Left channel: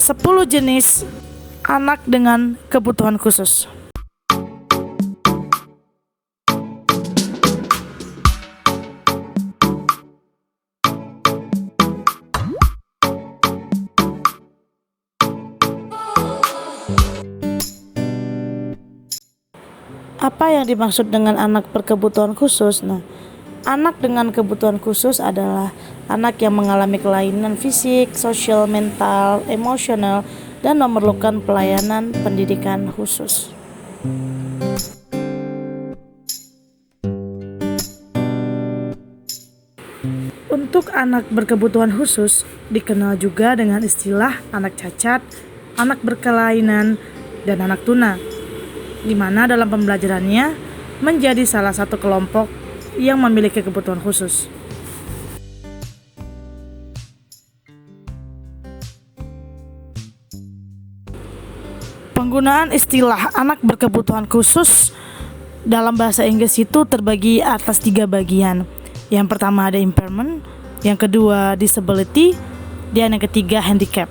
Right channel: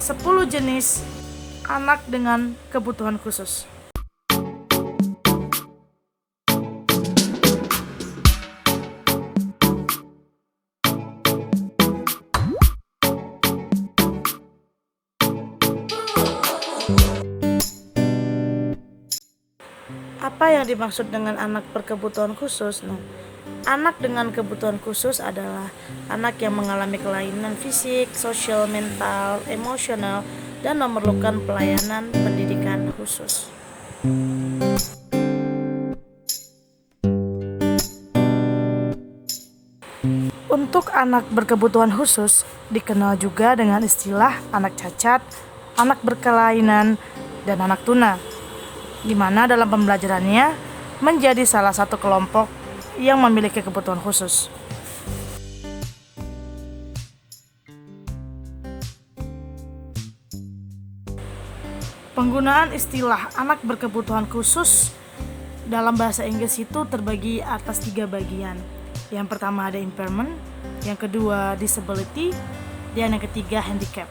10 jenis anak dengan kebutuhan khusus. Apa yang dimaksud dengan anak berkebutuhan khusus? Anak dengan kebutuhan khusus adalah anak yang mengalami kelainan fisik, sosial, mental, emosional, dan memerlukan pelayanan pendidikan khusus. Untuk anak berkebutuhan khusus dikenal juga dengan istilah anak cacat, anak berkelainan, dan anak tuna, di mana dalam pembelajarannya menjadi salah satu kelompok yang memiliki kebutuhan khusus. Penggunaan istilah anak berkebutuhan khusus dalam bahasa Inggris itu terbagi atas 3 bagian. Yang pertama ada impairment, yang kedua disability, dan yang ketiga handicap.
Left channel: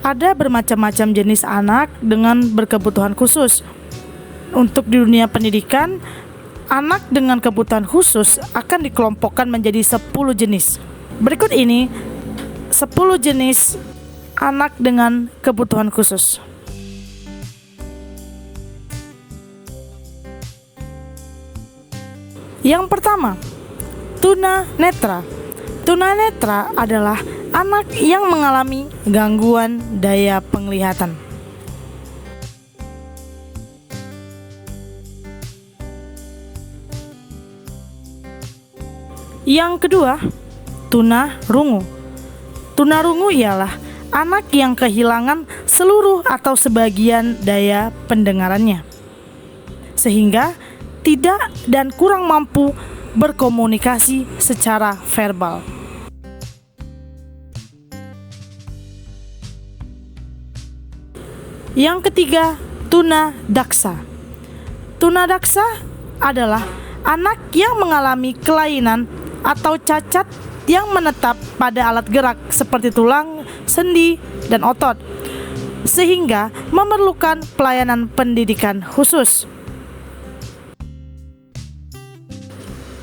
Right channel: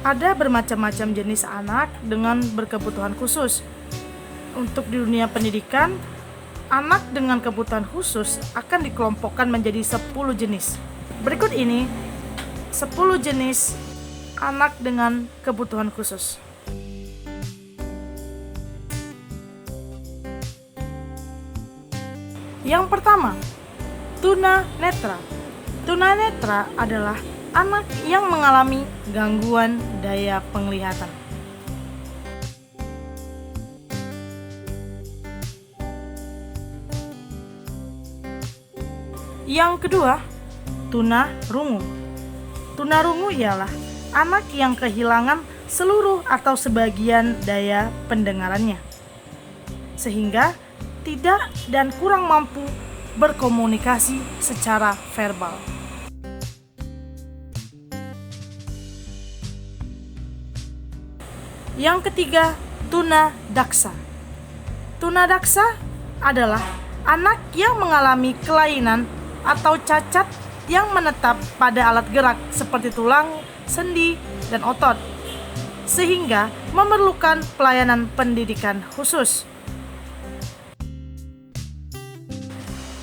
Ada bermacam-macam jenis anak dengan berkebutuhan khusus. Untuk di dunia pendidikan, anak dengan kebutuhan khusus akan dikelompokkan menjadi 10 jenis. Berikut ini 10 jenis anak dengan kebutuhan khusus. Yang pertama, tunanetra. Tunanetra adalah anak yang mengalami gangguan daya penglihatan. Yang kedua, tunarungu. Tunarungu ialah anak yang kehilangan seluruh atau sebagian daya pendengarannya, sehingga tidak dan kurang mampu berkomunikasi secara verbal. Yang ketiga, tunadaksa. Tunadaksa adalah anak yang mengalami kelainan atau cacat yang menetap pada alat gerak seperti tulang, sendi, dan otot, sehingga memerlukan pelayanan pendidikan khusus.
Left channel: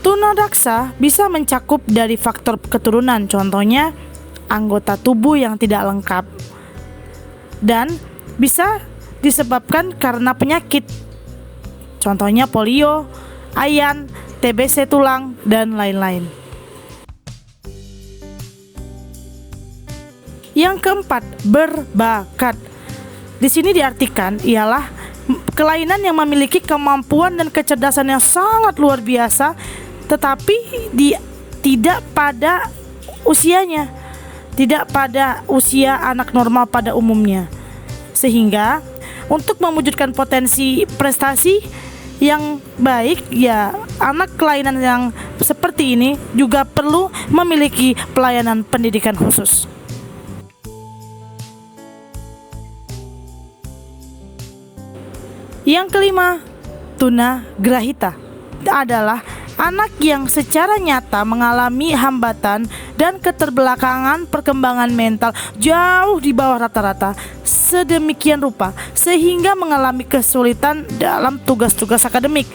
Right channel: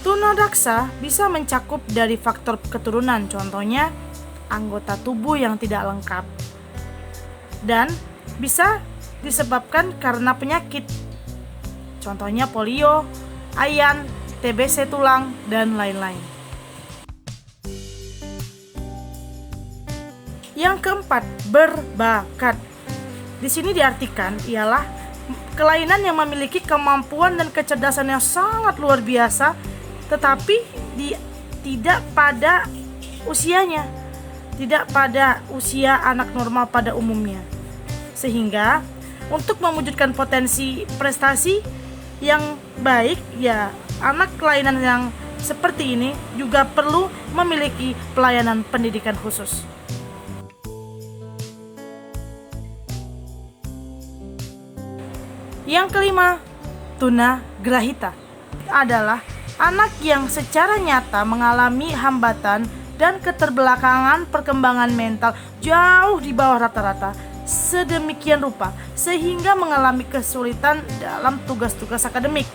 Tunadaksa bisa mencakup dari faktor keturunan, contohnya anggota tubuh yang tidak lengkap, dan bisa disebabkan karena penyakit, contohnya polio, ayan, TBC tulang, dan lain-lain. Yang keempat, berbakat. Di sini diartikan ialah kelainan yang memiliki kemampuan dan kecerdasan yang sangat luar biasa, tetapi tidak pada usianya, tidak pada usia anak normal pada umumnya. Sehingga untuk mewujudkan potensi prestasi yang baik, ya anak kelainan yang seperti ini juga perlu memiliki pelayanan pendidikan khusus. Yang kelima, tunagrahita adalah anak yang secara nyata mengalami hambatan dan keterbelakangan perkembangan mental jauh di bawah rata-rata, sedemikian rupa sehingga mengalami kesulitan dalam tugas-tugas akademik,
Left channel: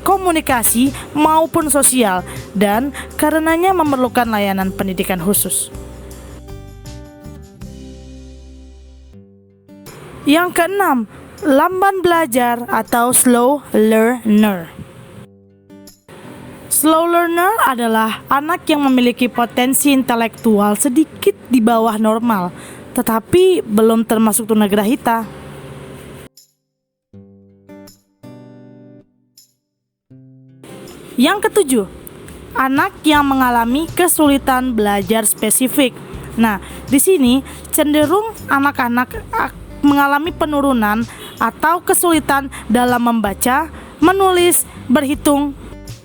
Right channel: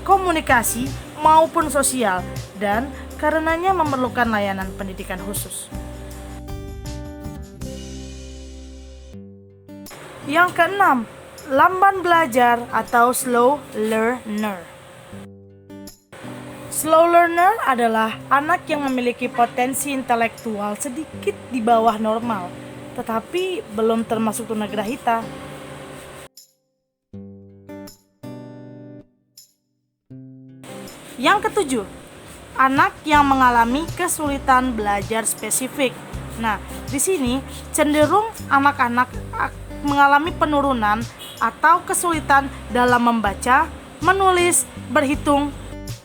komunikasi maupun sosial, dan karenanya memerlukan layanan pendidikan khusus. Yang keenam, lamban belajar atau slow learner. Slow learner adalah anak yang memiliki potensi intelektual sedikit di bawah normal, tetapi belum termasuk tunagrahita. Yang ketujuh, anak yang mengalami kesulitan belajar spesifik. Nah, di sini cenderung anak-anak mengalami penurunan atau kesulitan dalam membaca, menulis, berhitung.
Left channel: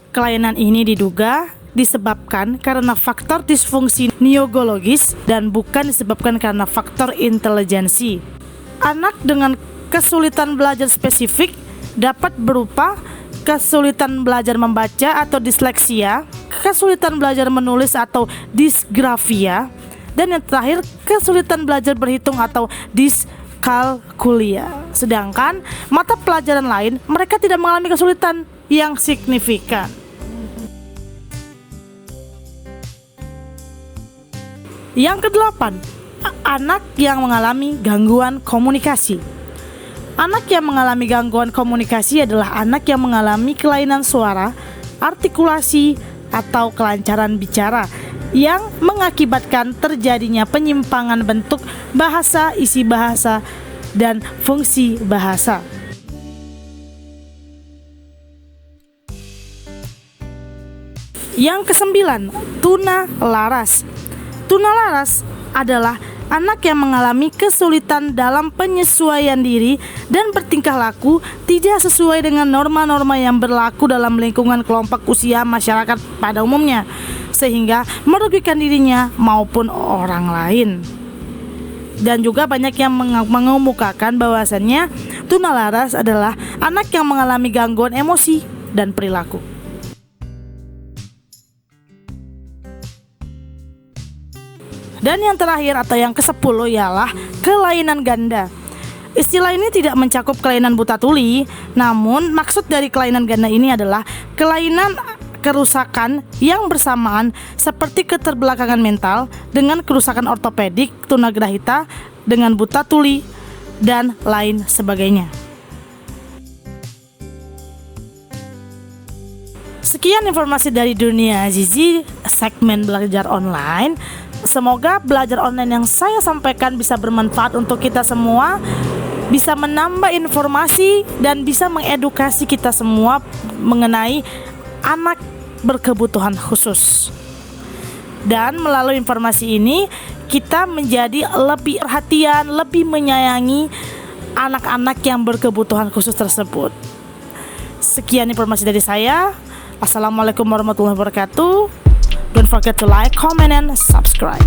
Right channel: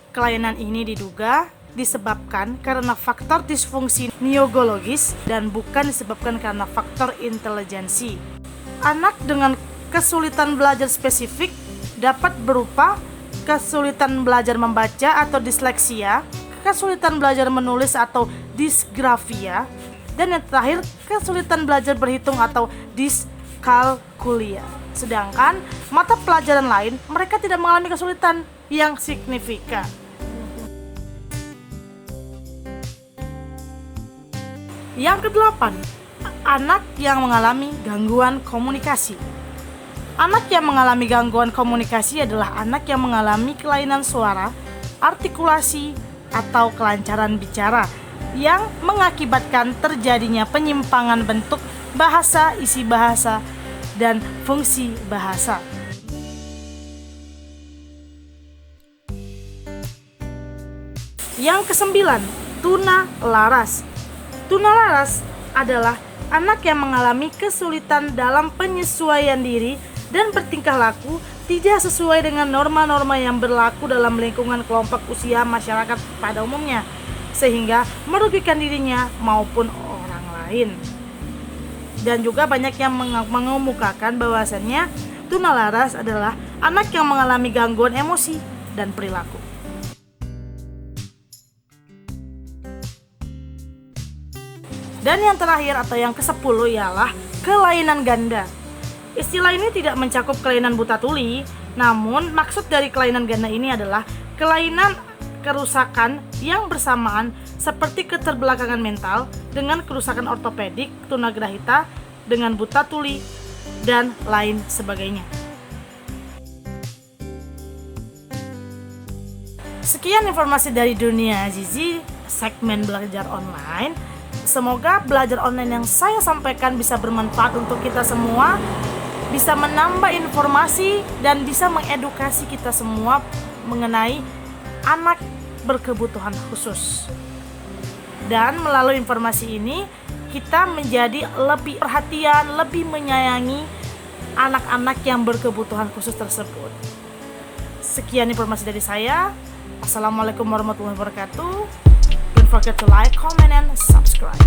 Kelainan ini diduga disebabkan karena faktor disfungsi neurologis dan bukan disebabkan karena faktor intelijensi. Anak dengan kesulitan belajar spesifik dapat berupa kesulitan belajar membaca atau disleksia, kesulitan belajar menulis atau disgrafia. Dan yang terakhir, kesulitan belajar berhitung atau diskalkulia. Sedangkan mata pelajaran lain mereka tidak mengalami kesulitan yang signifikan. Yang kedelapan, anak yang mengalami gangguan komunikasi. Anak yang mengalami gangguan komunikasi adalah anak yang mengalami kelainan suara, artikulasi, atau kelancaran bicara yang mengakibatkan terjadinya penyimpangan bentuk bahasa, isi bahasa, dan fungsi bahasa. Yang kesembilan, tuna laras. Tuna laras adalah anak yang mengalami kesulitan dalam penyesuaian diri dan bertingkah laku tidak sesuai dengan norma-norma yang berlaku dalam lingkungan kelompok usia masyarakat pada umumnya, sehingga merugikan dirinya maupun orang lain. Dan juga banyak yang mengemukakan bahwasannya tuna laras adalah anak yang mengalami gangguan emosi dan perilaku. Dan yang terakhir atau yang ke-10 ialah kelainan ganda. Istilah ini tidak mencakup kelainan buta tuli, namun maksud dari kelainan ganda ini adalah kelainan kerusakan yang bersamaan seperti keterbelakangan mental dengan kerusakan ortopedik, tunagrahita dengan buta tuli, dan lain sebagainya. Sekian informasi dari dunia Zizi segmen belajar online. Semoga belajar online yang saya sampaikan bisa bermanfaat untuk kita semua, bisa menambah informasi dan bisa mengedukasi kita semua mengenai anak berkebutuhan khusus. Dan melalui informasi ini kita menjadi lebih perhatian, lebih menyayangi anak-anak yang berkebutuhan khusus tersebut. Sekian informasi dari saya. Assalamualaikum warahmatullahi wabarakatuh. Don't forget to like, comment, and subscribe.